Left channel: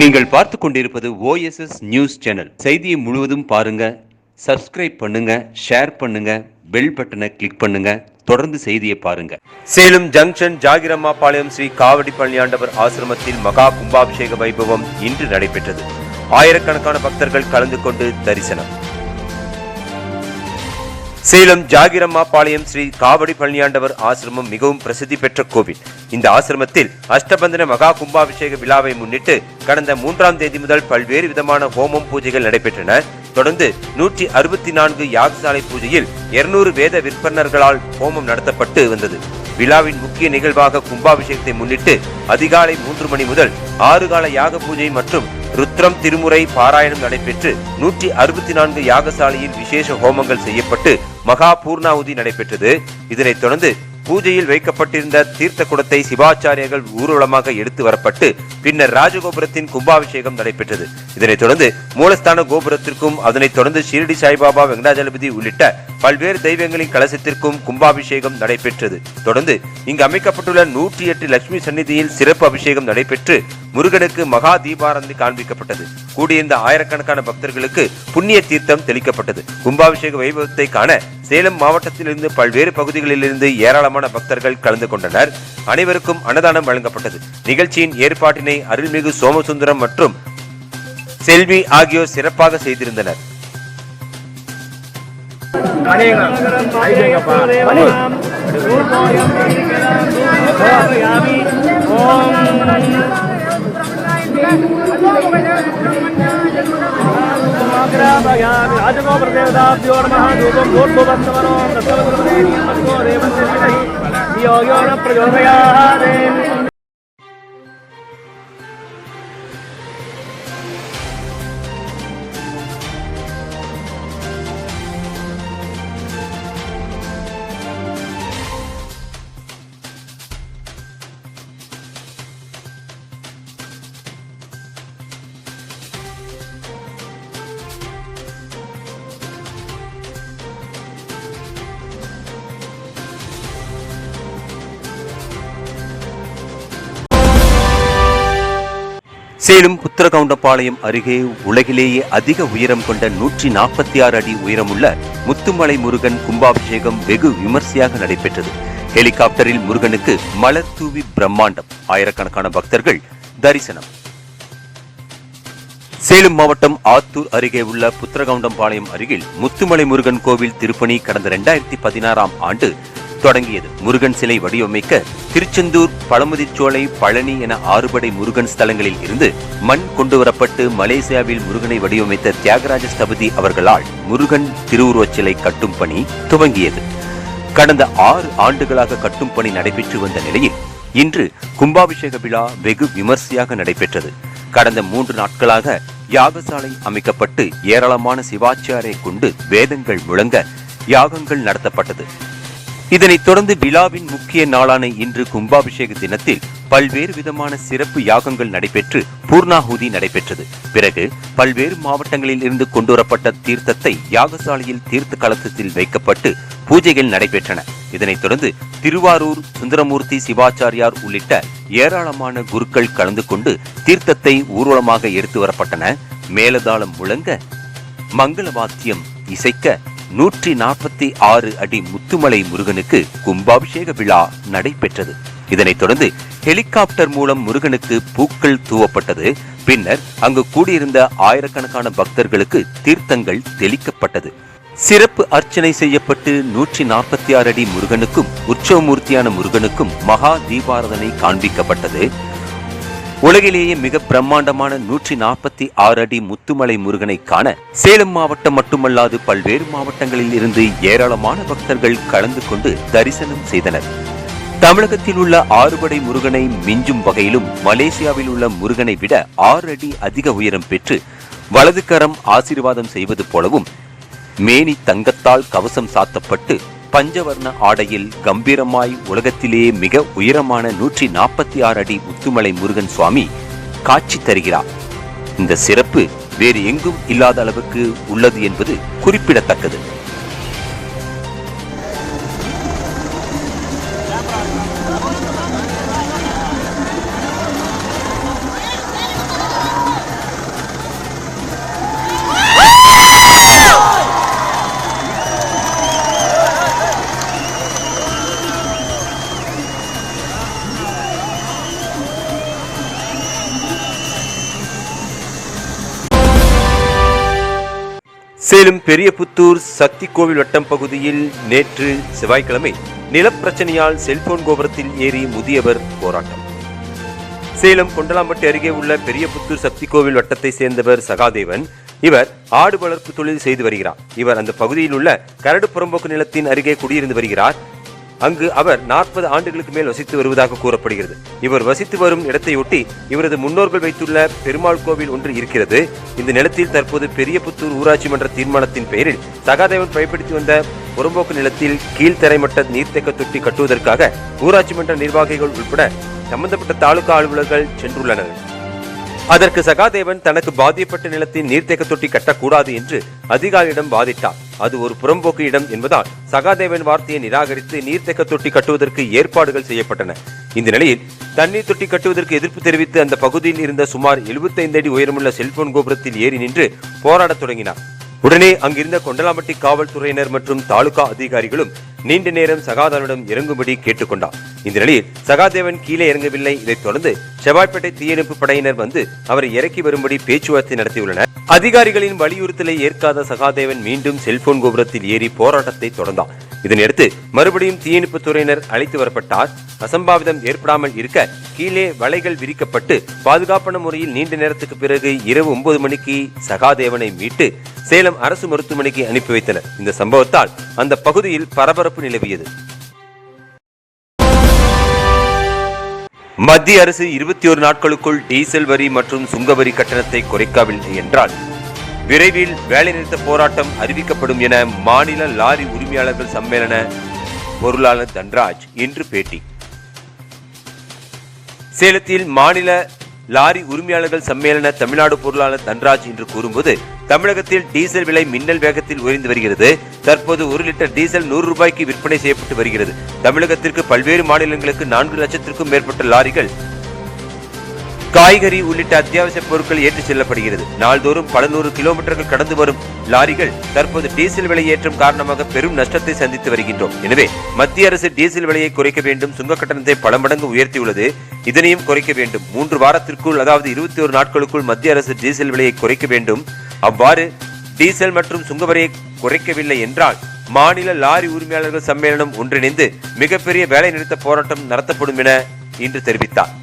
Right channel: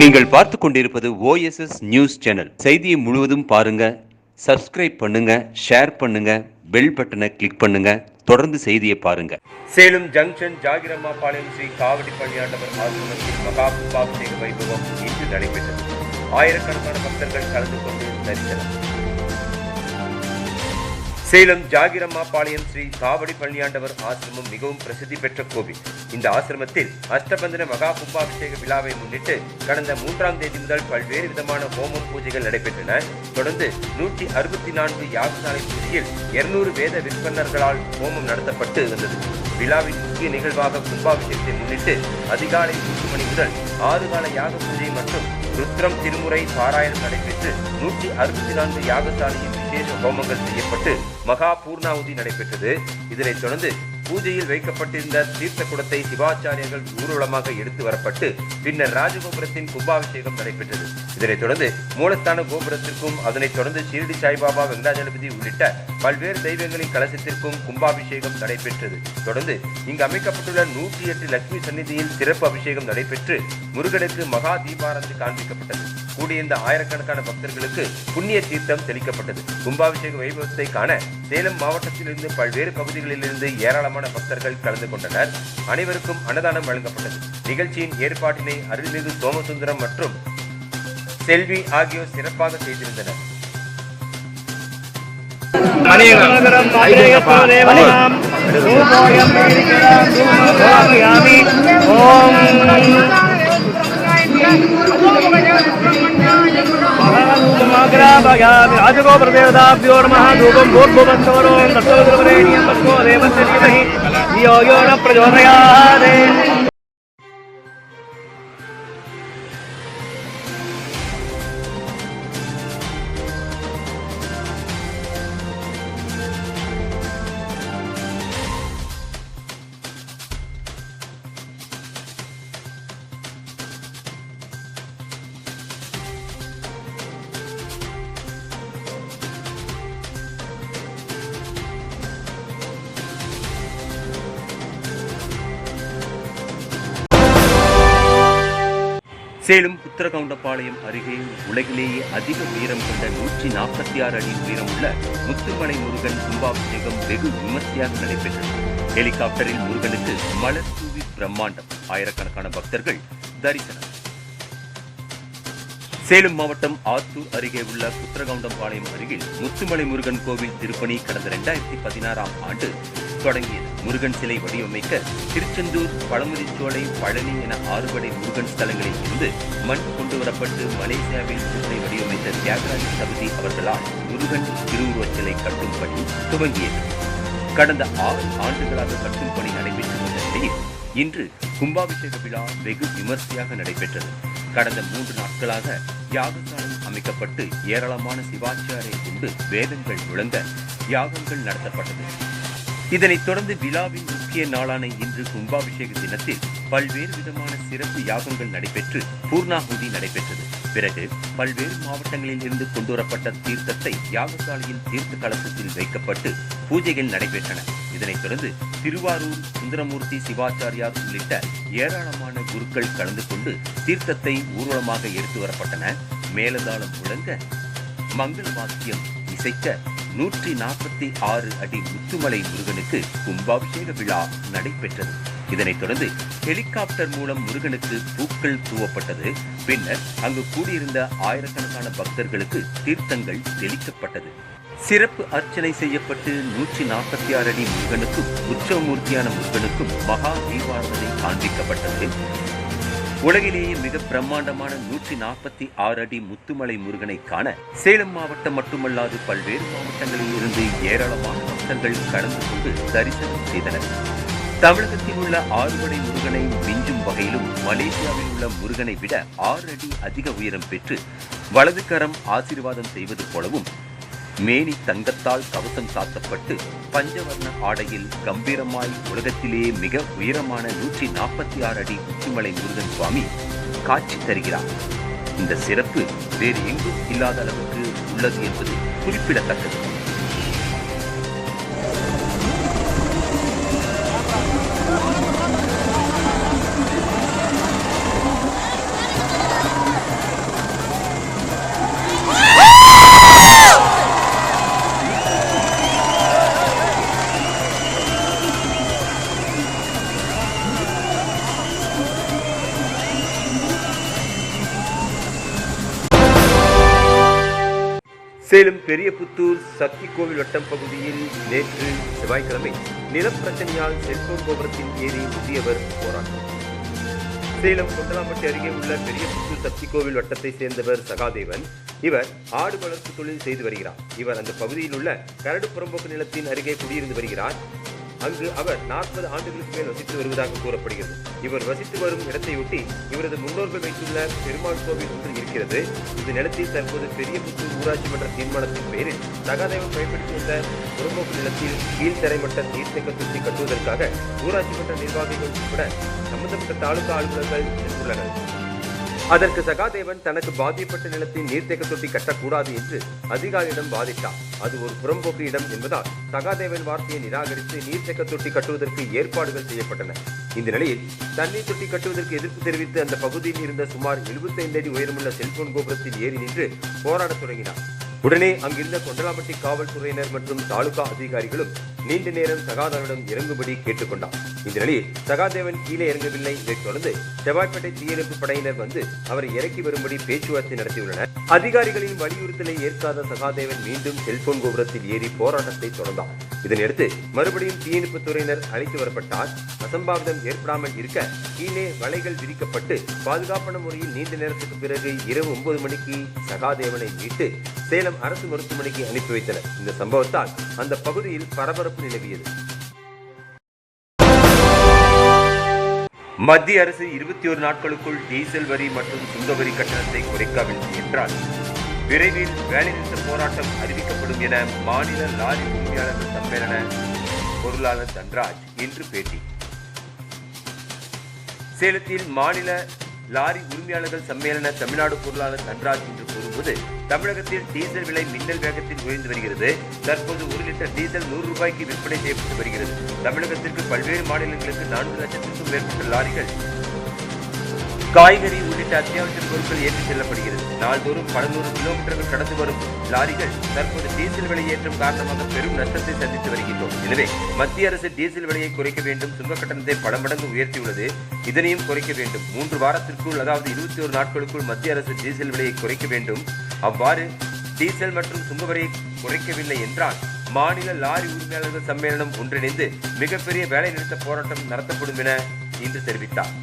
நீங்கள் பார்த்து கொண்டிருப்பது OSS நியூஸ் சேனல். செய்தியை முழுவதும் பாருங்க, சப்ஸ்கிரைப் பண்ணுங்க, ஷேர் பண்ணுங்க, பெல் பட்டனை கிளிக் பண்ணுங்க. தொடர்ந்து செய்தியை பாருங்க. சேலம் ஜங்ஷன் ஜாகிரம்மாபாளையம் ஸ்ரீ காவடி பழனியாண்டவர் ஆசிரமத்தில் மகா கும்பாபிஷேக வைபவம் இன்று நடைபெற்றது. ஆயிரக்கணக்கான பக்தர்கள் கலந்து கொண்டு தரிசனம். சேலம் ஜாகிரம்மாபாளையம் ஸ்ரீ காவடி பழனியாண்டவர் ஆசிரமம் மிகவும் பிரசித்தி பெற்ற கோவில். இந்த ஆசிரமத்தில் அஷ்டபந்தன மகா கும்பாபிஷேக விழாவை முன்னிட்டு கடந்த 3ஆம் தேதி முதல் பல்வேறு விதமான ஹோமம் பூஜைகள் நடைபெற்றன. தொடர்ந்து 164 யாகசாலை பூஜையில் 200 வேத விற்பனர்களால் ஹோமம் நடத்தப்பட்டு வந்தது. விழாவின் முக்கிய நிகழ்வாக கும்பாபிஷேகத்தை முன்னிட்டு அதிகாலை 3 மணி முதல் 6 கால யாக பூஜை மற்றும் ருத்ரம் திருமுறை பாராயணம் நடைபெற்று 164 யாகசாலையில் விசேஷ ஹோமங்கள் செய்யப்பட்டு மகா பூர்ணாவுதி நடைபெற்றது. இதனைத் தொடர்ந்து பூஜையில் வைக்கப்பட்டிருந்த தீர்த்த குடத்தை சிவாச்சாரியர்கள் ஊர்வலமாக எடுத்து வரப்பட்டு பின்னர் ராஜகோபுரத்தின் கும்பாபிஷேகம் நடைபெற்றது. இதனைத் தொடர்ந்து மூலஸ்தான கோபுரத்திற்கும் அதனைத் தொடர்ந்து ஷிரடி சாய்பாபா வெங்கடாஜலபதி உள்ளிட்ட பல்வேறு தெய்வங்களின் கலசத்திற்கும் கும்பாபிஷேகம் நடைபெற்றது. தொடர்ந்து இங்கு அமைக்கப்பட்டுள்ள 108 லட்சுமி சந்நிதியில் சிறப்பு அபிஷேகம் நடைபெற்று முருகனுக்கு மகா தீபாராதனை காண்பிக்கப்பட்டது. கூடியிருந்த ஆயிரக்கணக்கான பக்தர்களுக்கு புண்ணிய தீர்த்தம் தெளிக்கப்பட்டது. கும்பாபிஷேக வைபவத்தை காண சேலம் மாவட்டத்திலிருந்து பல்வேறு பகுதிகளிலிருந்து ஏராளமான பக்தர்கள் கலந்து கொண்டனர். அனைவருக்கும் அன்னதானம் வழங்கப்பட்டது. நிகழ்ச்சியின் ஏற்பாட்டினை அருள்மிகு சோமசுந்தரம் மற்றும் செல்வி ஆகியோர் சிறப்பாக செய்திருந்தனர். சேலம் புத்திரகவுண்டபாளையம் அருகே உலகிலேயே அதிக உயரம் கொண்ட 146 அடி உயரமுள்ள முத்துமலை முருகன் கும்பாபிஷேகம் வெகு விமர்சையாக நடைபெற்றது. ஹெலிகாப்டரில் முருகனுக்கு மலர் தூவி பிரம்மாண்டம். ஆயிரக்கணக்கான பக்தர்கள் தரிசனம். சேலம் மாவட்டம் ஆத்தூர் அருகே உள்ள புத்திரகவுண்டபாளையம் அருகில் முத்துமலை முருகன் கோவில் திருப்பணி கடந்த 2016ஆம் ஆண்டு தொடங்கியது. முருகன் சிலை வடிவமைக்க திருச்செந்தூர், பழமுதிர்ச்சோலை, பழனி என 6 படை முருகன் ஸ்தலங்களில் இருந்து மண் கொண்டுவரப்பட்டு மலேசியாவில் முருகனை வடிவமைத்த தியாகராஜ ஸ்தபதி அவர்களால் முருகன் திருவுருவச் சிலை கட்டும் பணி துவங்கியது. கடந்த 6 ஆண்டுகளாக கட்டும் பணி நடைபெற்று வந்த நிலையில் இன்று கும்பாபிஷேக விழா வெகு விமர்சையாக நடைபெற்றது. கடந்த 3 நாட்களாக யாகசாலை அமைக்கப்பட்டு ஏராளமான சிவாச்சாரியை கொண்டு வேதங்கள் முழங்க யாகங்கள் நடத்தப்பட்டது. இதனைத் தொடர்ந்து விழாவின் முக்கிய நாளான இன்று கும்பாபிஷேக தினத்தில் பல்வேறு விதமான சிறப்பு யாகங்கள் நடைபெற்று பூர்ணாகுதி நடைபெற்றது. பிறகு பல்வேறு மாவட்டங்களில் இருந்து கொண்டுவரப்பட்ட தீர்த்தத்தை யாகசாலையில் தீர்த்த கலசத்தில் வைக்கப்பட்டு பூஜைகள் நடைபெற்றன. இதனைத் தொடர்ந்து திருவாரூர் சுந்தரமூர்த்தி சிவாச்சாரியார் உள்ளிட்ட ஏராளமான குருக்கள் கலந்து கொண்டு தீர்த்தத்தை ஊர்வலமாக எடுத்து வரப்பட்டன. மேலதாளம் முழங்க மங்கள வாத்தியம் இசைக்க 146 அடி முத்துமலை முருகனுக்கு கும்பாபிஷேக விழா நடைபெற்றது. இதனைத் தொடர்ந்து ஹெலிகாப்டர் மூலம் முருகனுக்கு பூக்கள் தூவப்பட்டது. பின்னர் அங்கு கூடியிருந்த ஆயிரக்கணக்கான பக்தர்களுக்கு தீர்த்தங்கள் தெளிக்கப்பட்டது. சிறப்பு அர்ச்சனை செய்யப்பட்டு 146 அடி முருகனுக்கும் உற்சவமூர்த்தியான முருகனுக்கும் மகா தீபாராதனை காண்பிக்கப்பட்டது. உலகிலேயே மிக பிரம்மாண்டமான 146 அடி முத்துமலை முருகனை காண சேலம் மாவட்டம் மட்டுமல்லாது பல்வேறு மாவட்டங்களில் இருந்து ஏராளமான பக்தர்கள் கலந்து கொண்டு தரிசனம் செய்தனர். தமிழகத்தில் உள்ள 6 படை முருகனை மிஞ்சும் வகையிலும் மலேசியாவில் உள்ள முருகனை விட 6 அடி அதிக உயரம் பெற்று வலது கரம் ஆசீர்வாதம் செய்வது போலவும் மேனி தங்கத்தால் கவசம் சாத்தப்பட்டு பஞ்சவர்ண ஆடையில் கம்பீரமாய் உலகத்திலேயே மிக உயரமான 146 அடி முத்துமலை முருகன் சுவாமி காட்சி தருகிறார். இந்த சிறப்பு வேறு எங்கும் இல்லாத அளவுக்கு உள்ளது என்பது குறிப்பிடத்தக்கது. சேலம் பெரியபுத்தூர் சக்தி கோவில் வட்டம் பகுதியில் நேற்று செவ்வாய்க்கிழமை நிலப்பிரச்சனையால் செல்போன் கோபுரத்தில் ஏறி முதியவர் போராட்டம். சேலம் கொண்டலாம்பட்டி அருகே உள்ள பெரியபுத்தூர் சக்தி கோவில் வட்டத்தை சேர்ந்தவர் சகாதேவன். இவர் ஆடு வளர்ப்பு தொழில் செய்து வருகிறார். இவர் அந்த பகுதியில் உள்ள கரடு புறம்போக்கு நிலத்தின் அருகே குடியிருந்து வருகிறார். அங்கு அவர் 40 ஆண்டுகளுக்கு மேல் வசித்து வருவதாக கூறப்படுகிறது. இவர் வசித்து வரும் இடத்தையொட்டி இவரது முன்னோர்கள் வைத்துள்ள பெருமாள் கோவில் ஒன்று இருக்கிறது. இந்த நிலத்தில் தற்போது பெரியபுத்தூர் ஊராட்சி மன்ற தீர்மானத்தின் பெயரில் சகாதேவன் பயன்படுத்தி வந்த புறம்போக்கு நிலத்தில் கீழ்த்தரைமட்ட நீர்த்தேக்க தொட்டி கட்டுவதற்காக ஊராட்சி மன்ற நிர்வாகிகள் உட்பட சம்பந்தப்பட்ட தாலுகா அலுவலர்கள் சென்றுள்ளனர். அதற்கு சகாதேவன் தனக்கு பாதிக்கப்பட்ட நிலத்தில் நீர்த்தேக்க தொட்டி கட்டக்கூடாது என்று அதிகாரியிடம் வாதிட்டார். அது ஒரு புறம்போக்கு இடம் என்பதால் சகாதேவன் வார்த்தையை நிராகரித்து நீர்த்தேக்க தொட்டி கட்டுவதற்கு ஏற்பாடுகள் செய்யப்பட்டன. இந்த நிலையில் தண்ணீர் தொட்டி கட்டுவதற்கு எதிர்ப்பு தெரிவித்து அந்த பகுதியில் இருந்த சுமார் 75 அடி உயரமுள்ள செல்போன் கோபுரத்தில் ஏறி நின்று போராடத் தொடங்கினார். உடனே அங்கிருந்த கொண்டலாம்பட்டி காவல்துறையினர் மற்றும் தாலுகா அதிகாரிகளும் நீண்ட நேரம் சகாதேவனிடம் இறங்கும்படி கேட்டுக்கொண்டார். இந்த நிலையில் சகாதேவன் கீழே இறங்கவில்லை. இதைத் தொடர்ந்து செவ்வாய்ப்பேட்டை தீயணைப்பு படையினர் வந்து அவரை இறக்கி வரும்படி பேச்சுவார்த்தை நடத்தியுள்ளனர். அதிகாரிகளின் வலியுறுத்தலை ஏற்காத சகாதேவன் மீண்டும் செல்போன் கோபுரத்தில் ஏறி போராட்டத்தை தொடர்ந்தார். இதனையடுத்து மறுபடியும் தீயணைப்பு துறையினர் அழைத்து வரப்பட்டார். அசம்பாவிதம் ஏற்படாமல் இருக்க கீழே வலைகள் விரிக்கப்பட்டு பாதுகாப்பான முறையில் நீண்ட நேரத்துக்கு பிறகு இரவு 9 மணிக்கு சகாதேவனை மீட்டு சேலம் அரசு மருத்துவமனைக்கு அனுப்பி வைத்தனர். இந்த சம்பவத்தால் அந்த பகுதியில் பரபரப்பு நிலவியது. மத்திய அரசு 21 நாட்களுக்குள் டீசல் வரி மற்றும் சுங்க வரி கட்டணத்தை குறைக்கவில்லை என்றால் விரைவில் வேலைநிறுத்த போராட்டம் அறிவிக்கப்படும் என மாநில லாரி உரிமையாளர்கள் சம்மேளன பொருளாளர் தன்ராஜ் இன்று பேட்டி. சேலத்தில் மாநில லாரி உரிமையாளர்கள் சம்மேளன தமிழ்நாடு பொருளாளர் தன்ராஜ் இன்று கூறும்போது, தமிழகத்தில் டீசல் விலை மின்னல் வேகத்தில் உயர்ந்து வருகிறது. தற்போது 1 லிட்டர் டீசல் 100 ரூபாய்க்கு விற்பனை செய்யப்பட்டு வருகிறது. தமிழகத்திற்கு பல்வேறு மாநிலங்களுக்கு 4 லட்சத்திற்கும் மேற்பட்ட லாரிகள் காய்கறி உள்ளிட்ட அத்தியாவசிய பொருட்கள் ஏற்றி செல்லப்படுகிறது. நாள்தோறும் பல 100 கிலோமீட்டர்கள் கடந்து வரும் லாரிகள் தற்போது டீசல் விலை ஏற்றம் காரணமாக பெரும் நஷ்டத்தை சந்தித்து வருகின்றோம். எனவே மத்திய அரசு டீசல் விலையை குறைக்க வேண்டும். சுங்க கட்டணத்தை பல மடங்கு உயர்த்தியுள்ளது. இதனையும் குறைக்க வேண்டும். 3 வாரத்திற்குள், அதாவது 21 நாட்களுக்குள் மத்திய அரசு டீசல் விலையை குறைக்க வேண்டும். அவ்வாறு டீசல் மற்றும் சுங்க வரியை குறைக்கவில்லை என்றால் மாநில லாரி உரிமையாளர்கள் சம்மேளனம் ஒன்றிணைந்து மிகப்பெரிய வேலை நிறுத்த போராட்டம் நடத்தப்படும் என இன்று தெரிவித்தார்.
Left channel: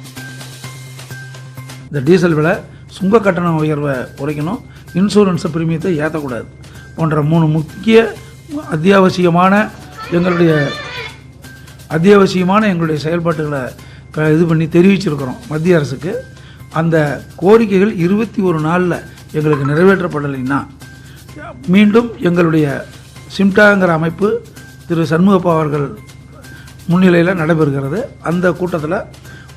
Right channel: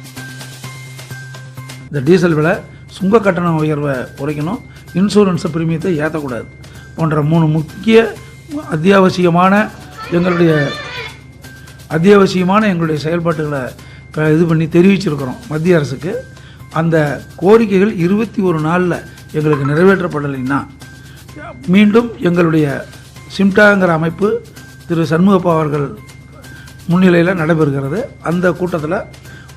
இந்த டீசல் விலை, சுங்க கட்டண உயர்வை குறைக்கணும், இன்சூரன்ஸ் பிரீமியத்தை ஏற்றக்கூடாது போன்ற 3 முக்கிய அத்தியாவசியமான எங்களுடைய செயல்பாட்டுகளை இது பண்ணி தெரிவிச்சிருக்கிறோம் மத்திய அரசுக்கு. அந்த கோரிக்கைகள் 21 நாளில் எங்களுக்கு நிறைவேற்றப்படலைன்னா மீண்டும் எங்களுடைய சிம்டாங்கிற அமைப்பு திரு சண்முகப்பா அவர்கள் முன்னிலையில் நடைபெறுகிறது. அந்த கூட்டத்தில்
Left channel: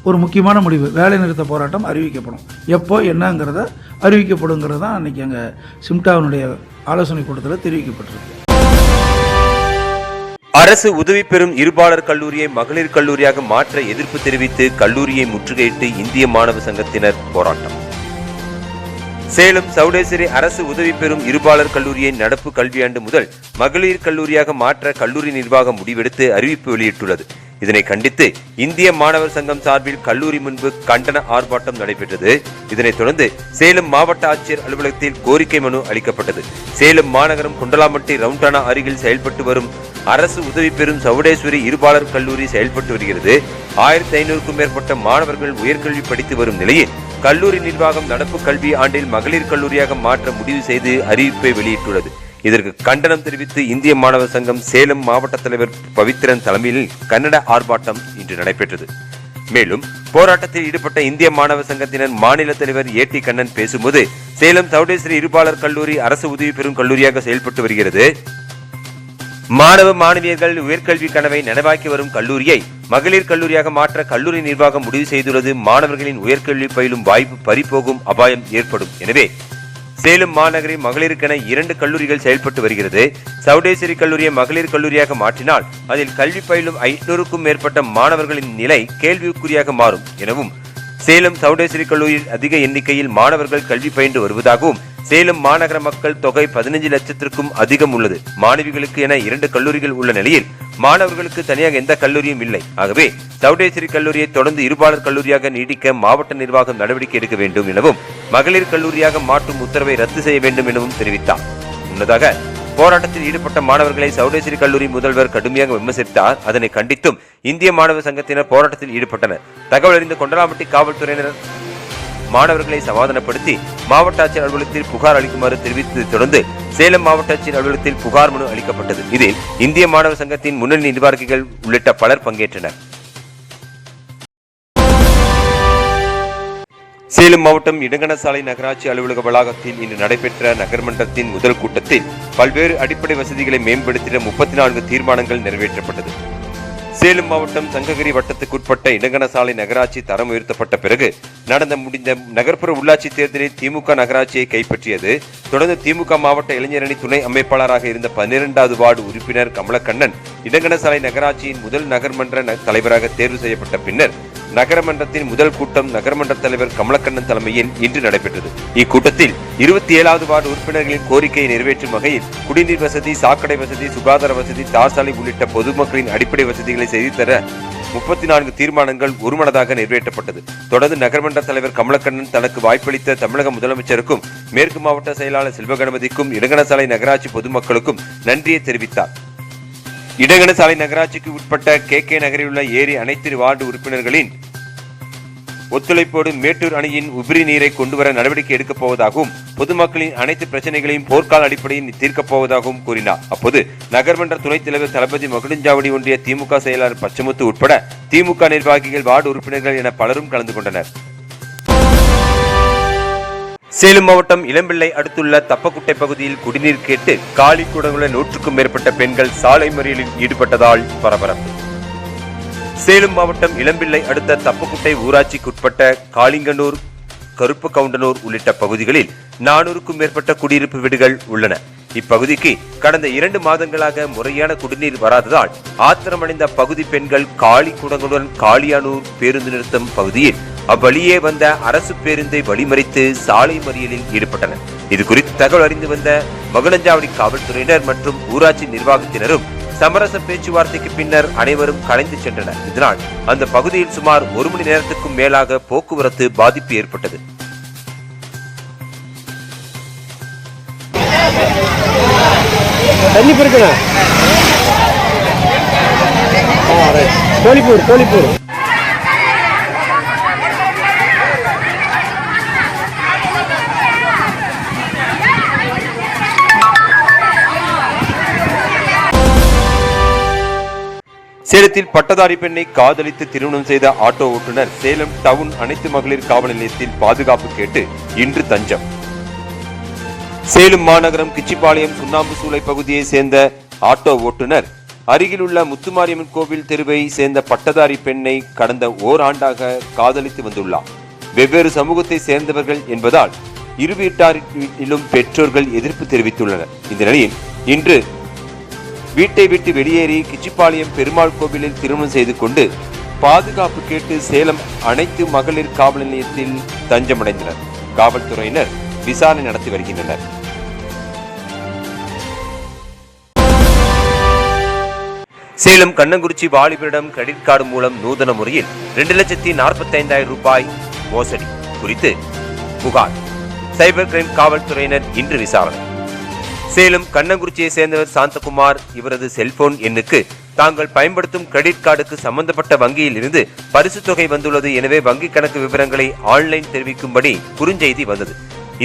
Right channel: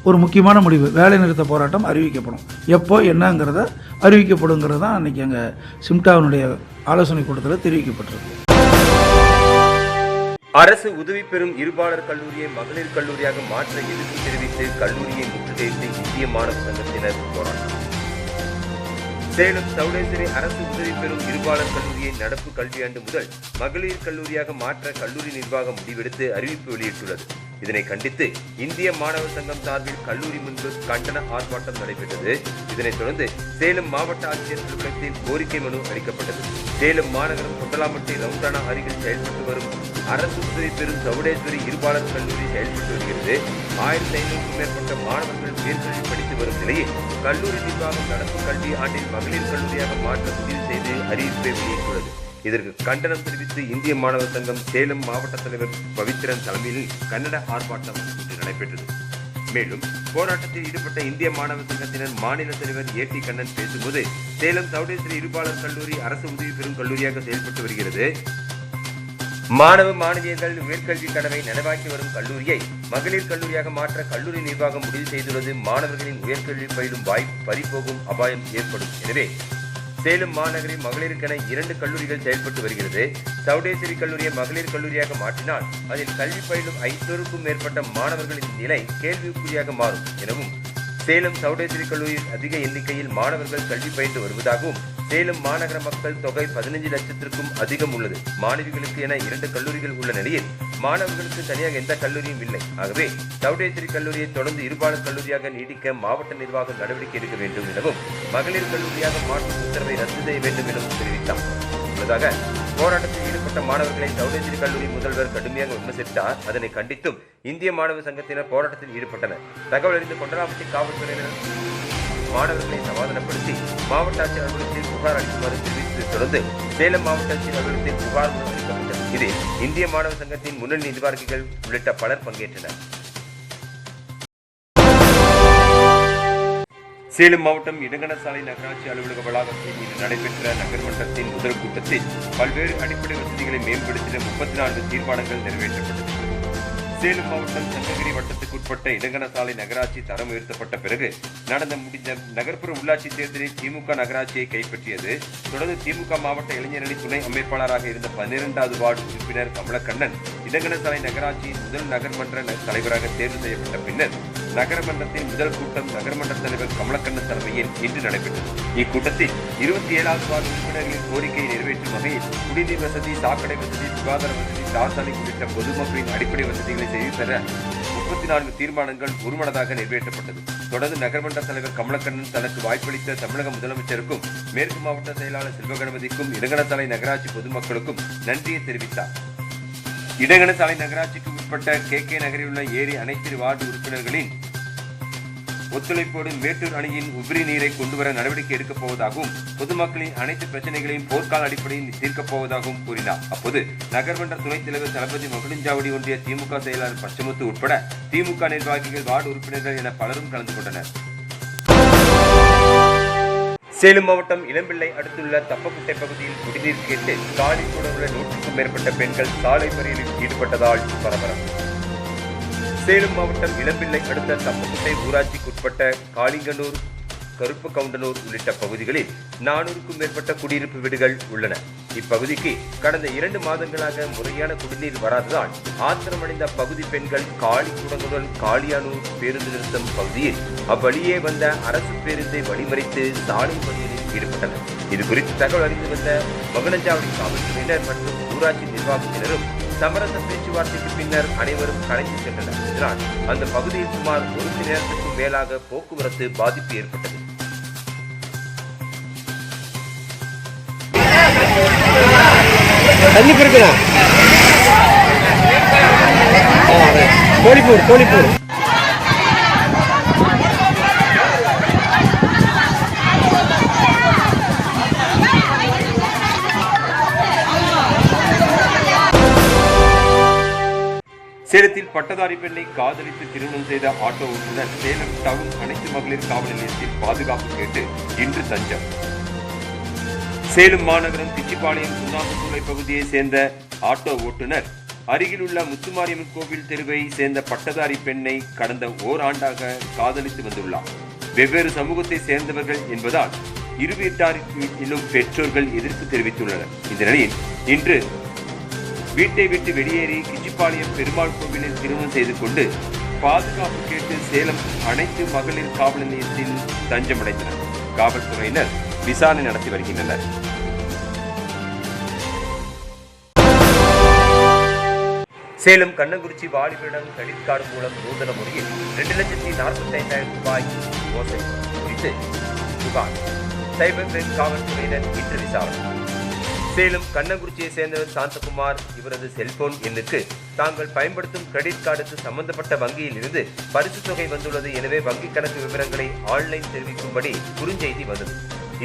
ஒரு முக்கியமான முடிவு, வேலை நிறுத்த போராட்டம் அறிவிக்கப்படும். எப்போ என்னங்கிறத அறிவிக்கப்படுங்கிறது தான் அன்றைக்கி எங்கள் சிம்டாவினுடைய ஆலோசனை கூட்டத்தில் தெரிவிக்கப்பட்டிருக்கு. அரசு உதவி பெறும் இருபாலர் கல்லூரியை மகளிர் கல்லூரியாக மாற்ற எதிர்ப்பு தெரிவித்து கல்லூரியை முற்றுகையிட்டு இந்திய மாணவ சங்கத்தினர் போராட்டம். சேலம் சவுடேஸ்வரி அரசு உதவி பெறும் இருபாலர் கல்லூரியை நடப்பு கல்வியாண்டு முதல் மகளிர் கல்லூரியாக மாற்ற கல்லூரி நிர்வாகம் முடிவெடுத்து அறிவிப்பு வெளியிட்டுள்ளது. இதனை கண்டித்து இந்திய மாணவர் சங்கம் சார்பில் கல்லூரி முன்பு கண்டன ஆர்ப்பாட்டம் நடைபெற்றது. இதனைத் தொடர்ந்து சேலம் மாவட்ட ஆட்சியர் அலுவலகத்தில் கோரிக்கை மனு அளிக்கப்பட்டது. சேலம் மாநகரம் கொண்டலாம்பட்டி ரவுண்டானா அருகில் செயல்பட்டு வரும் அரசு உதவி பெறும் சவுடேஸ்வரி இருபாலர் கல்லூரி செயல்பட்டு வருகிறது. 1500க்கும் மேற்பட்ட மாணவர்கள் உயர்கல்வி படித்து வரும் நிலையில் கல்லூரி நிர்வாகம் நடப்பு கல்வி ஆண்டில் மகளிர் கல்லூரியாக மாற்ற முடிவு செய்து அறிவிப்பை வெளியிட்டுள்ளது. இதற்கு கண்டனம் தெரிவித்து இந்திய மாணவர் சங்கம் சேலம் மாவட்ட தலைவர் பவித்ரன் தலைமையில் கன்னட ஆர்ப்பாட்டம் இன்று நடைபெற்றது. மேலும் போராட்டத்தில் ஈடுபட்ட இந்திய மாணவர் சங்கத்தினர் மாநில தலைவர் ஏ.டி. கண்ணன் பேசும்போது, சேலம் சவுடேஸ்வரி இருபாலர் கல்லூரி அரசு உதவி பெறும் கல்லூரியாக செயல்பட்டு வருகிறது. மாணவ மாணவியர்கள் உயர்கல்வி கனவை நனவாக்கி வரும் கல்லூரியை மகளிர் கல்லூரியாக மாற்ற கல்லூரி நிர்வாகம் முடிவு செய்துள்ளது. மாணவர்களின் உயர்கல்வி பயிலும் வாய்ப்பு பறிபோகும் அபாயம் ஏற்படும். எனவே சேலம் மாநகரில் மகளிருக்கென 2 கல்லூரிகள் செயல்பட்டு வருகிறது. சவுடேஸ்வரி கல்லூரியை மகளிர் கல்லூரியாக மாற்றினால் அதில் கல்வி பயிலும் 500க்கும் மேற்பட்ட மாணவர்களின் நிலை கேள்விக்குறியாக மாறும் எனவும், சேலம் சவுடேஸ்வரி கல்லூரியில் அதிக எண்ணிக்கையில் மாணவர்கள் கல்வி பயின்று வருவதாகவும், சேலம் மாநகர மக்கள் தொகை 15 லட்சத்திற்கும் அதிகம் உள்ளது. மாணவிகளுக்கு என 2 கல்லூரிகள் உள்ள நிலையில் மாணவர்களுக்கு தனியாக எந்த கல்லூரியும் இல்லை. ஆகவே சவுடேஸ்வரி கல்லூரியை தொடர்ந்து இருபாலர் கல்லூரியாக நீடிக்க மாவட்ட நிர்வாகம் நடவடிக்கை எடுக்க வேண்டும் எனவும், மகளிர் கல்லூரியாக மாற்றும் உத்தரவை ரத்து செய்ய வேண்டும் எனவும் தெரிவித்தார். முன்னதாக போராட்டத்தில் ஈடுபட்ட மாணவர்களை சௌடேஸ்வரி கல்லூரி முதல்வர் கடுமையாக விமர்சித்தார். அதனை கண்டித்தும் இந்திய மாணவர் சங்கத்தினர் போராட்டத்தில் ஈடுபட்டனர். தகவல் அறிந்த கொண்டலாம்பட்டி காவல்துறையினர் மாணவர்களை சமாதானப்படுத்தி மாவட்ட ஆட்சியர் அலுவலகத்தில் புகார் அளிக்குமாறு தெரிவித்ததை தொடர்ந்து சேலம் மாவட்ட ஆட்சியர் அலுவலகத்தில் புகார் மனு அளிக்கப்பட்டது. இதில் இந்திய மாணவர் சங்கத்தின் முன்னணி நிர்வாகிகள் உள்ளிட்ட பலர் பங்கேற்றனர். சேலம் மாவட்டம் இடங்கணசாலை நகராட்சி அலுவலக வளாகத்தில் இன்று நடைபெற்ற நகர்மன்றத்தின் முதல் கூட்டத்தில் பல்வேறு அடிப்படை வசதிகளை மேம்படுத்திட 34 தீர்மானங்கள் நிறைவேற்றப்பட்டது. சேலம் மாவட்டம் சங்ககிரி வட்டத்துக்குட்பட்ட இடங்கணசாலை நகராட்சி தரம் உயர்த்தப்பட்ட பிறகு முடிந்த நகர்ப்புற உள்ளாட்சி தேர்தலில் திமுக நகராட்சியை கைப்பற்றியது. தொடர்ந்து திமுக மாவட்ட இளைஞரணி துணை அமைப்பாளராக இருந்த 12வது வார்டு உறுப்பினர் கமலக்கண்ணன் இடங்கணசாலை நகராட்சியின் முதல் நகர்மன்ற தலைவராக தேர்வு செய்யப்பட்ட பின்னர் நகரமன்றத்தின் முதல் கூட்டம் நகர்மன்ற தலைவர் கமலக்கண்ணன் தலைமையில் இன்று நடைபெற்றது. இக்கூட்டத்தில் 27வது வார்டு உறுப்பினர்களின் கோரிக்கையை நிறைவேற்றும் வகையில் குடிநீர் வசதி, சாக்கடை வசதி, சுகாதார வசதி, தார்சாலை உள்ளிட்ட பொதுமக்களின் அடிப்படை வசதிகளை செய்து தர 34 தீர்மானங்கள் ஒருமனதாக நிறைவேற்றப்பட்டது. தொடர்ந்து நகர்மன்ற தலைவர் கமலக்கண்ணன் தனக்கு வாய்ப்பளித்த தமிழக முதலமைச்சருக்கும் மேற்கு மாவட்ட செயலாளர் செல்வகணபதிக்கும் இடங்கணசாலை நகராட்சி பொதுமக்களுக்கும் நன்றியை தெரிவித்தார். இடங்கணசாலை நகராட்சிக்கு உட்பட்ட கே நகரில் உள்ள ஏரி அனைத்து வார்டு உறுப்பினர்களின் ஒத்துழைப்போடு மேட்டூர் அணையின் உபரி நீரை கொண்டுவர நடவடிக்கை எடுக்கப் போவதாகவும் பொதுமக்களின் அனைத்து பிரச்சனைகளையும் போர்க்கால அடிப்படையில் தீர்க்கப் போவதாகவும் கூறினார். அப்போது நகர்மன்ற துணைத் தலைவர் தளபதி மகுடஞ்சாவடி ஒன்றிய திமுக செயலாளர் பச்சமுத்து உட்பட திமுக நிர்வாகிகள், வார்டு உறுப்பினர்கள் என பலரும் கலந்து கொண்டனர். சேலம் மாவட்டம் இளம்பிள்ளை அடுத்துள்ள தப்பக்குட்டை பகுதியில் குடிநீர் கேட்டு காலி குடங்குள்ள 100க்கும் மேற்பட்ட பெண்கள் சாலை மறியலில் ஈடுபட்டதால் பரபரப்பு. சேலம் மாவட்டம் இளம்பிள்ளை அடுத்த தப்பக்குட்டை ஊராட்சிக்குட்பட்ட காளிங்கனூர், கருப்பு கவுண்டனூர் உள்ளிட்ட பகுதிகளில் 400க்கும் மேற்பட்ட குடியிருப்பு வீடுகள் உள்ளன. இப்பகுதிக்கு கடந்த 2 மாதங்களாக முறையான குடிநீர் வராததால் ஆத்திரமடைந்த பகுதி பெண்கள் காலி குடங்களுடன் காளியானூர் பேருந்து நிறுத்தம் பகுதியில் அவ்வழியே வந்த அரசு பேருந்தை வழிமறித்து சாலை மறியலில் ஈடுபட்டனர். இது குறித்து தகவல் அறிந்து வந்த மகுடஞ்சாவடி காவல்துறையினர் மற்றும் ஊராட்சி நிர்வாகத்தினரும் சமரச பேச்சுவார்த்தைக்கு பின்னர் அனைவரும் கலைந்து சென்றனர். இதனால் அந்த பகுதியில் சுமார் 1 மணி நேரத்துக்கும் மேலாக போக்குவரத்து பாதிப்பு ஏற்பட்டது. சேலத்தில் பட்டதாரி பெண்ணை காதலித்து திருமணம் செய்த ஆட்டோ ஓட்டுநர் சேலம் டவுன் அனைத்து மகளிர் காவல் நிலையத்தில் பாதுகாப்பு கேட்டு இன்று தஞ்சம். சேலம் மாநகரம் கிச்சிபாளையம் சுண்ணாம்பு சூளை பகுதியை சேர்ந்த ஆட்டோ ஓட்டுநர் அருகில் உள்ள முத்துமாரியம்மன் கோவில் தெருவை சேர்ந்த பட்டதாரி பெண்ணை கடந்த ஓராண்டாக காதலித்து வந்துள்ளார். வெவ்வேறு சமூகத்தை சேர்ந்தவர்கள் என்பதால் இரு வீட்டாரிலும் பெற்றோர்கள் எதிர்ப்பு தெரிவித்துள்ளனர். இந்த நிலையில் இன்று வீட்டை விட்டு வெளியேறி கிச்சிப்பாளையம் பெருமாள் கோவிலில் திருமணம் செய்து கொண்டு பாதுகாப்பு கேட்டு சேலம் அனைத்து மகளிர் காவல் நிலையத்தில் தஞ்சமடைந்தனர். காவல்துறையினர் விசாரணை நடத்தி வருகின்றனர். சேலம் கண்ணங்குறிச்சி வாலிபரிடம் கிரெடிட் கார்டு மூலம் நூதன முறையில் 2,45,000 ரூபாய் மோசடி குறித்து புகார். சைபர் கிரைம் காவல்துறையினர் இன்று விசாரணை. சேலம் கண்ணங்குறிச்சியை சேர்ந்தவர் சாந்தகுமார். இவரது செல்போன் எண்ணுக்கு தாங்கள் பயன்படுத்தும் கிரெடிட் கார்டுக்கு சம்பந்தப்பட்ட வங்கியில் இருந்து பரிசு தொகை வந்துள்ளது. எனவே வங்கி கணக்கு விவரங்களை ஆன்லைன் தெரிவிக்கும்படி குறுஞ்செய்தி வந்தது.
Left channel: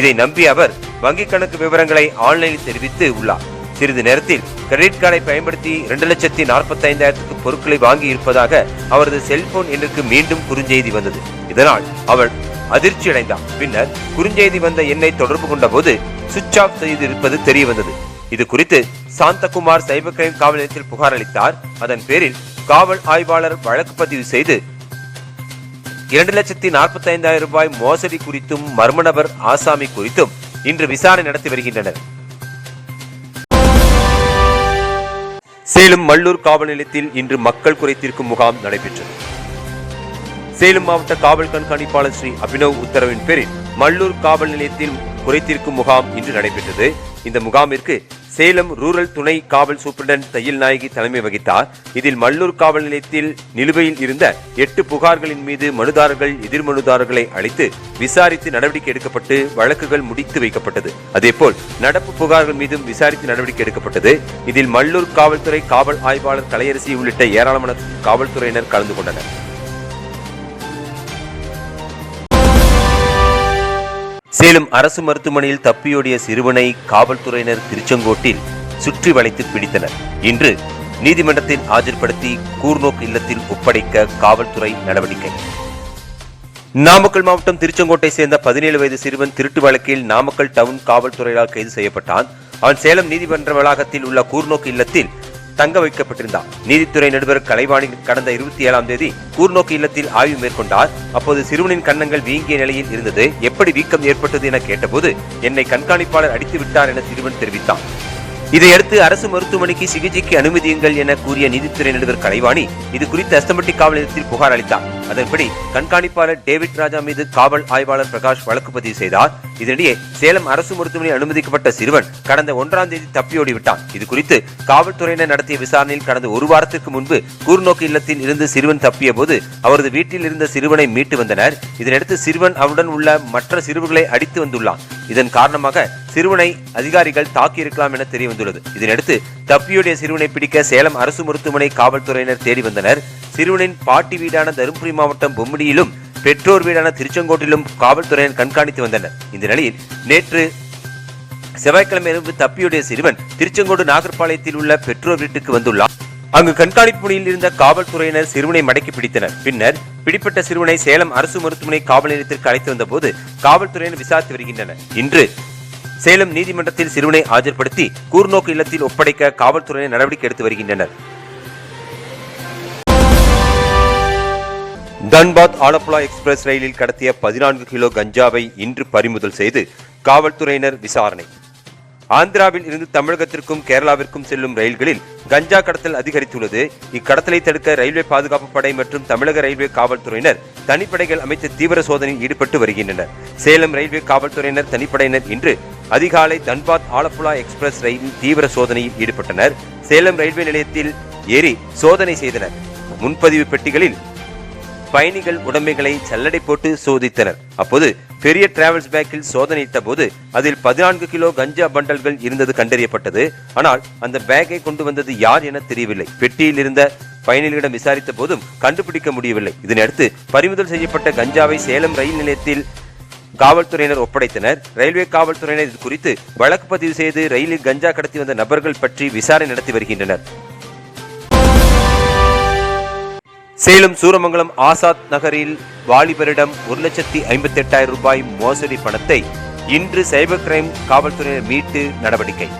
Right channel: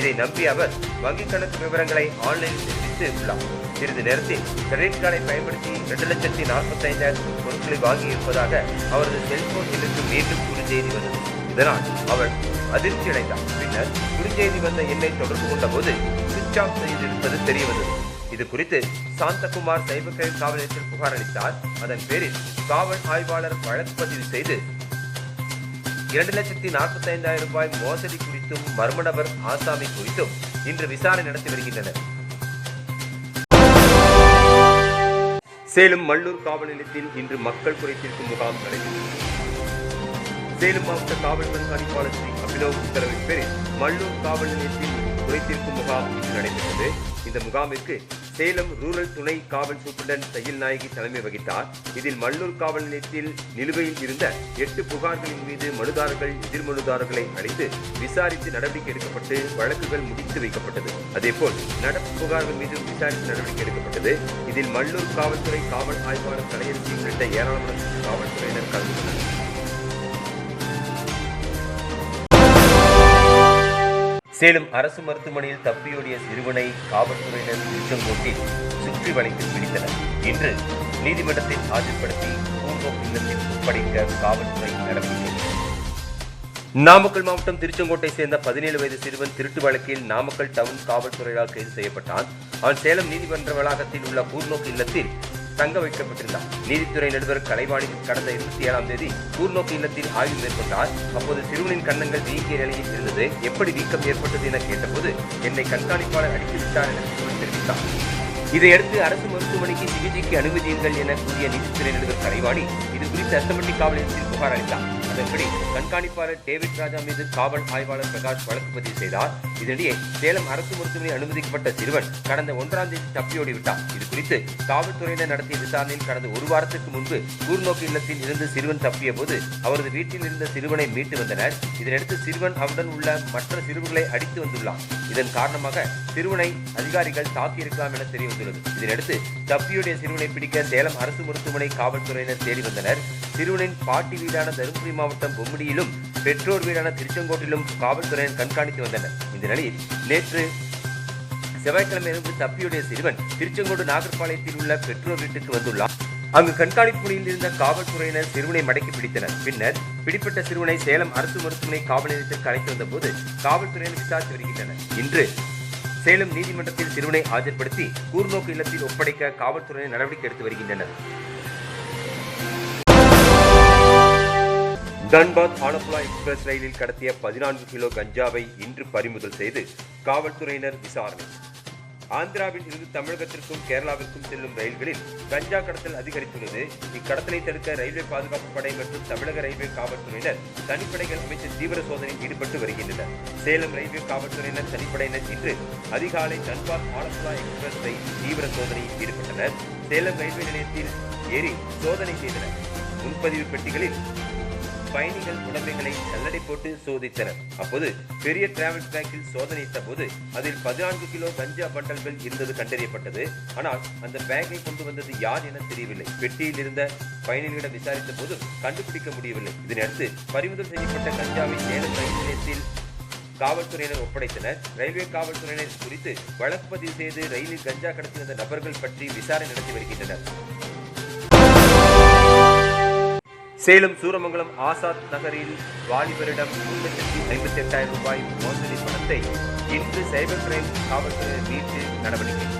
இதை நம்பி அவர் வங்கி கணக்கு விவரங்களை ஆன்லைனில் தெரிவித்து உள்ளார். சிறிது நேரத்தில் கிரெடிட் கார்டை பயன்படுத்தி 2,45,000 பொருட்களை வாங்கி இருப்பதாக அவரது செல்போன் எண்ணுக்கு மீண்டும் குறுஞ்செய்தி வந்தது. இதனால் அவர் அதிர்ச்சி அடைந்தார். பின்னர் குறுஞ்செய்தி வந்த எண்ணை தொடர்பு கொண்ட போது சுவிட்ச் ஆஃப் செய்திருப்பது தெரிய வந்தது. இது குறித்து சாந்தகுமார் சைபர் கிரைம் காவல் நிலையத்தில் புகார் அளித்தார். அதன் பேரில் காவல் ஆய்வாளர் வழக்கு பதிவு செய்து 2,45,000 ரூபாய் மோசடி குறித்தும் மர்ம நபர் ஆசாமி குறித்தும் இன்று விசாரணை நடத்தி வருகின்றனர். சேலம் மல்லூர் காவல் நிலையத்தில் இன்று மக்கள் குறைதீர்க்கும் முகாம் நடைபெற்றது. சேலம் மாவட்ட காவல் கண்காணிப்பாளர் ஸ்ரீ அபினவ் உத்தரவின் பேரில் மல்லூர் காவல் நிலையத்தில் குறைதீர்க்கும் முகாம் இன்று நடைபெற்றது. இந்த முகாமிற்கு சேலம் ரூரல் துணை காவல் சூப்பரண்ட் தையல் நாயகி தலைமை வகித்தார். இதில் மல்லூர் காவல் நிலையத்தில் நிலுவையில் இருந்த 8 புகார்களின் மீது மனுதாரர்கள் எதிர்மனுதாரர்களை அழைத்து விசாரித்து நடவடிக்கை எடுக்கப்பட்டு வழக்குகள் முடித்து வைக்கப்பட்டது. அதேபோல் நடப்பு புகார்கள் மீதும் விசாரித்து நடவடிக்கை எடுக்கப்பட்டது. இதில் மல்லூர் காவல்துறை காவல் ஆய்வாளர் கலையரசி உள்ளிட்ட ஏராளமான காவல்துறையினர் கலந்து கொண்டனர். சேலம் அரசு மருத்துவமனையில் தப்பியோடிய சிறுவனை காவல்துறையினர் திருச்செங்கோட்டில் சுற்றி வளைத்து பிடித்தனர். இன்று நீதிமன்றத்தில் ஆஜர்படுத்தி கூர்நோக்கு இல்லத்தில் ஒப்படைக்க காவல்துறை நடவடிக்கை. நாமக்கல் மாவட்டம் திருச்செங்கோட்டை சேர்ந்த 17 வயது சிறுவன் திருட்டு வழக்கில் நாமக்கல் டவுன் காவல்துறையால் கைது செய்யப்பட்டான். அவன் சேலம் நீதிமன்ற வளாகத்தில் உள்ள கூர்நோக்கு இல்லத்தில் தங்க வைக்கப்பட்டிருந்தார். நீதித்துறை நடுவர் கலைவாணி கடந்த 27ஆம் தேதி கூர்நோக்கு இல்லத்தில் ஆய்வு மேற்கொண்டார். அப்போது சிறுவனின் கன்னங்கள் வீங்கிய நிலையில் இருந்தது. எப்படி வீக்கம் ஏற்பட்டது என கேட்டபோது என்னை கண்காணிப்பாளர் அடித்து விட்டார் என சிறுவன் தெரிவித்தார். இதையடுத்து அரசு மருத்துவமனைக்கு சிகிச்சைக்கு அனுமதியுங்கள் என கூறிய நீதித்துறை நடுவர் கலைவாணி இது குறித்து அஸ்தம்பட்டி காவல் நிலையத்தில் புகார் அளித்தார். அதன்படி கண்காணிப்பாளர் டேவிட் ராஜா மீது காவல் ஆய்வாளர் பிரகாஷ் வழக்கு பதிவு செய்தார். இதனிடையே சேலம் அரசு மருத்துவமனையில் அனுமதிக்கப்பட்ட சிறுவன் கடந்த 1ஆம் தேதி தப்பியோடி விட்டான். இது குறித்து காவல்துறையினர் நடத்திய விசாரணையில் கடந்த 1 வாரத்துக்கு முன்பு கூர்நோக்கு இல்லத்தில் இருந்து சிறுவன் தப்பிய போது அவரது வீட்டில் இருந்த சிறுவனை மீட்டு வந்தனர். இதனையடுத்து சிறுவன் அவருடன் உள்ள மற்ற சிறுவர்களை அடித்து வந்துள்ளான். இதன் காரணமாக சிறுவனை அதிகாரிகள் தாக்கியிருக்கலாம் என தெரிய வந்துள்ளது. இதனையடுத்து தப்பியோடிய சிறுவனை பிடிக்க சேலம் அரசு மருத்துவமனை காவல்துறையினர் தேடி வந்தனர். சிறுவனின் பாட்டி வீடான தருமபுரி மாவட்டம் பொம்மிடியிலும் பெற்றோர் வீடான திருச்செங்கோட்டிலும் காவல்துறையினர் கண்காணித்து வந்தனர். இந்த நிலையில் நேற்று செவ்வாய்க்கிழமை இரவு தப்பியோடிய சிறுவன் திருச்செங்கோடு நாகர்பாளையத்தில் உள்ள பெற்றோர் வீட்டுக்கு வந்துள்ளார். அங்கு கண்காணிப்பு பணியில் இருந்த காவல்துறையினர் சிறுவனை மடக்கி பிடித்தனர். பின்னர் பிடிப்பட்ட சிறுவனை சேலம் அரசு மருத்துவமனை காவல் நிலையத்திற்கு அழைத்து வந்த போது காவல்துறையினர் விசாரித்து வருகின்றனர். இன்று சேலம் நீதிமன்றத்தில் சிறுவனை ஆஜர்படுத்தி கூர்நோக்கு இல்லத்தில் ஒப்படைக்க காவல்துறையினர் நடவடிக்கை எடுத்து வருகின்றனர். தன்பாத் ஆலப்புழா எக்ஸ்பிரஸ் ரயிலில் கடத்திய 14 கிலோ கஞ்சாவை இன்று பறிமுதல் செய்து காவல்துறையினர் விசாரணை. ஆந்திராவில் இருந்து தமிழகத்திற்கும் கேரளாவிற்கும் செல்லும் ரயில்களில் கஞ்சா கடத்தல் அதிகரித்துள்ளது. இக்கடத்தலை தடுக்க ரயில்வே பாதுகாப்பு படை மற்றும் தமிழக ரயில்வே காவல்துறையினர் தனிப்படைகள் அமைத்து தீவிர சோதனையில் ஈடுபட்டு வருகின்றனர். சேலம் ரயில்வே காவல்துறையினர் தனிப்படையினர் இன்று அதிகாலை தன்பாத் ஆலப்புழா எக்ஸ்பிரஸ் ரயிலில் தீவிர சோதனையில் ஈடுபட்டனர். சேலம் ரயில்வே நிலையத்தில் ஏறி சோதனை செய்தனர். முன்பதிவு பெட்டிகளில் பயணிகள் உடைமைகளை சல்லடை போட்டு சோதித்தனர். அப்போது பெரிய டிராவல்ஸ் பேக்கில் சோதனையிட்ட போது அதில் 14 கிலோ கஞ்சா பண்டல்கள் இருந்தது கண்டறியப்பட்டது. ஆனால் அந்த பேக்கை கொண்டு வந்தது யார் என தெரியவில்லை. பெட்டியில் இருந்த பயணிகளிடம் விசாரித்த போதும் கண்டுபிடிக்க முடியவில்லை. இதனையடுத்து பறிமுதல் செய்யப்பட்ட கஞ்சாவை சேலம் ரயில் நிலையத்தில் காவல்துறையினர் ஒப்படைத்தனர். ரயில்வே காவல்துறையினர் இது குறித்து வழக்கு பதிவு செய்து ரயிலில் கஞ்சா கடத்தி வந்த நபர்கள் பற்றி விசாரணை நடத்தி வருகின்றனர். சேலம் சூரமங்கலம் ஆசாத் நகரில் வாலிபரிடம் 1,58,000 ரூபாய் மோசடி பணத்தை இன்று சைபர் கிரைம் காவல்துறையினர் மீட்டு நடவடிக்கை.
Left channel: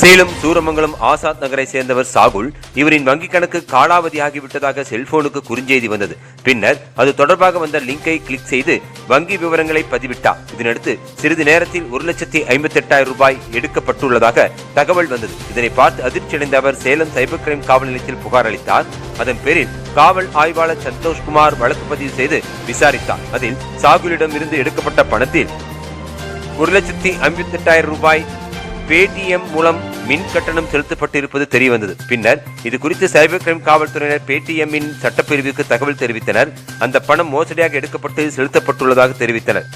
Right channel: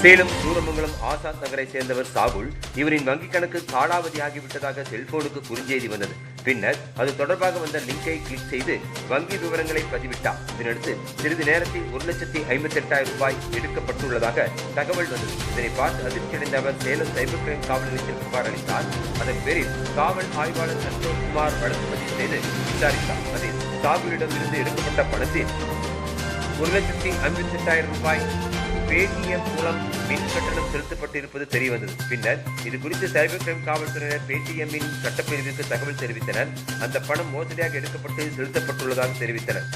சேலம் சூரமங்கலம் ஆசாத் நகரை சேர்ந்தவர் சாகுல். இவரின் வங்கிக் கணக்கு காலாவதியாகிவிட்டதாக செல்போனுக்கு குறுஞ்செய்தி வந்தது. பின்னர் அது தொடர்பாக வந்த லிங்கை கிளிக் செய்து வங்கி விவரங்களை பதிவிட்டார். இதனடுத்து சிறிது நேரத்தில் 1,58,000 ரூபாய் எடுக்கப்பட்டுள்ளதாக தகவல் வந்தது. இதனை பார்த்து அதிர்ச்சியடைந்த அவர் சேலம் சைபர் கிரைம் காவல் நிலையத்தில் புகார் அளித்தார். அதன் பேரில் காவல் ஆய்வாளர் சந்தோஷ்குமார் வழக்கு பதிவு செய்து விசாரித்தார். அதில் சாகுலிடம் இருந்து எடுக்கப்பட்ட பணத்தில் 1,58,000 ரூபாய் பேடிஎம் மூலம் மின் கட்டணம் செலுத்தப்பட்டிருப்பது தெரியவந்தது. பின்னர் இது குறித்து சைபர் கிரைம் காவல்துறையினர் பேடிஎம்மின் சட்டப்பிரிவுக்கு தகவல் தெரிவித்தனர். அந்த பணம் மோசடியாக எடுக்கப்பட்டு செலுத்தப்பட்டுள்ளதாக தெரிவித்தனர்.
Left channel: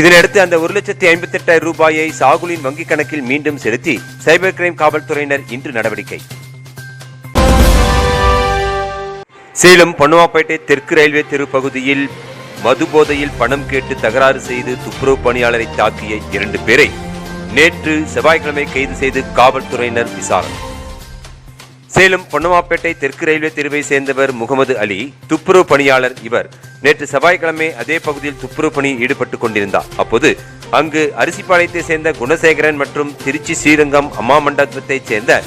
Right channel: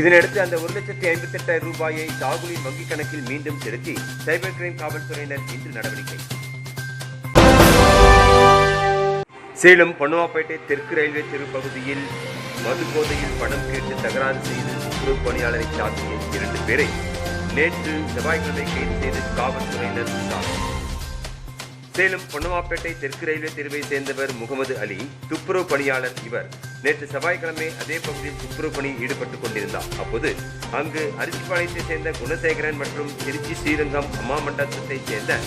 இதனையடுத்து அந்த 1,58,000 ரூபாயை சாகுலின் வங்கிக் கணக்கில் மீண்டும் செலுத்தி சைபர் கிரைம் காவல்துறையினர் இன்று நடவடிக்கை. சேலம் பொன்னவாப்பேட்டை தெற்கு ரயில்வே தெரு பகுதியில் மதுபோதையில் பணம் கேட்டு தகராறு செய்து துப்புரவு பணியாளரை தாக்கிய 2 பேரை நேற்று செவ்வாய்க்கிழமை கைது செய்து காவல்துறையினர் விசாரணை. சேலம் பொன்னவாப்பேட்டை தெற்கு ரயில்வே தெருவை சேர்ந்தவர் முகமது அலி, துப்புரவு பணியாளர். இவர் நேற்று செவ்வாய்க்கிழமை அதே பகுதியில் துப்புரவு பணியில் ஈடுபட்டுக் கொண்டிருந்தார். அப்போது அங்கு அரிசிப்பாளையத்தை சேர்ந்த குணசேகரன் மற்றும் திருச்சி ஸ்ரீரங்கம் அம்மா மண்டபத்தைச் சேர்ந்த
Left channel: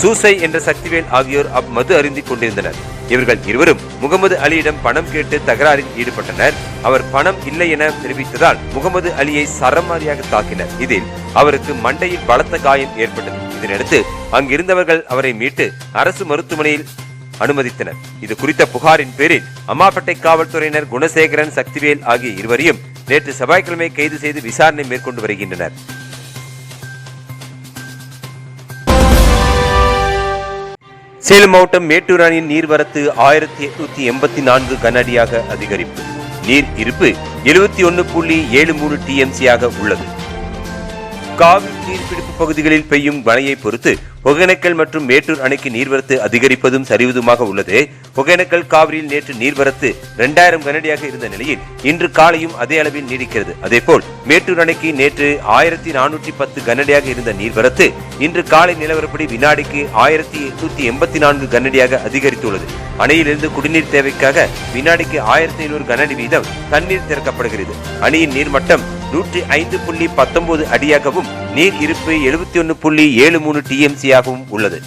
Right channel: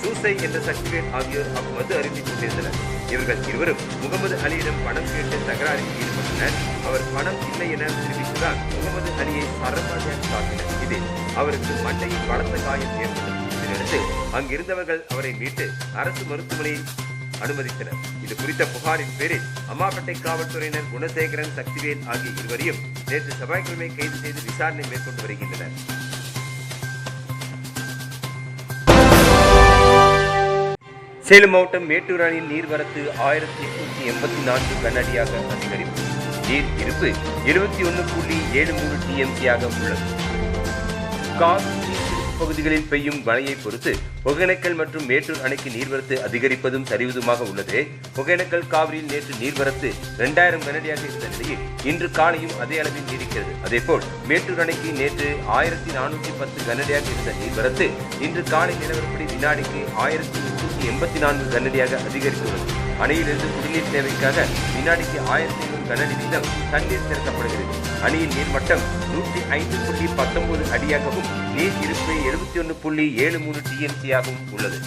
சூசை என்ற சக்திவேல் ஆகியோர் மது அருந்திக் கொண்டிருந்தனர். இவர்கள் இருவரும் முகமது அலியிடம் பணம் கேட்டு தகராறில் ஈடுபட்டனர். அவர் பணம் இல்லை என தெரிவித்ததால் முகமது அலியை சரமாரியாக தாக்கினர். இதில் அவருக்கு மண்டையில் பலத்த காயம் ஏற்பட்டது. இதனையடுத்து அங்கிருந்தவர்கள் அவரை மீட்டு அரசு மருத்துவமனையில் அனுமதித்தனர். இது குறித்த புகாரின் பேரில் அம்மாப்பேட்டை காவல்துறையினர் குணசேகரன், சக்திவேல் ஆகிய இருவரையும் நேற்று செவ்வாய்க்கிழமை கைது செய்து விசாரணை மேற்கொண்டு வருகின்றனர். சேலம் மாவட்டம் மேட்டூர் அணையின் நீர்வரத்து 1884 கன அடியாக அதிகரிப்பு. நீர் இருப்பு 71.73 TMC உள்ளது. காவிரி நீர்பிடிப்பு பகுதிகளில் பெய்யும் மழையை பொறுத்து ஒகேனக்கல் மற்றும் மேட்டூர் அணைக்கு நீர்வரத்து அதிகரிப்பதும் சரிவதுமாக உள்ளது. ஒகேனக்கல் காவிரியில் நேற்று நீர்வரத்து 2000 கனஅடியாக இருந்த நிலையில் இன்று காலையும் அதே அளவில் நீடிக்கிறது. அதேபோல் மேட்டூர் அணைக்கு நேற்று 1410 கனஅடியாக இருந்த நீர்வரத்து இன்று காலை நிலவரப்படி வினாடிக்கு 1884 கனஅடியாக அதிகரித்துள்ளது. அணையிலிருந்து குடிநீர் தேவைக்காக வினாடிக்கு 1500 கனஅடி வீதம் தண்ணீர் திறக்கப்படுகிறது. அணையின் நீர்மட்டம் 105.19 அடியாகவும் நீர் இருப்பு 71.73 TMC உள்ளது.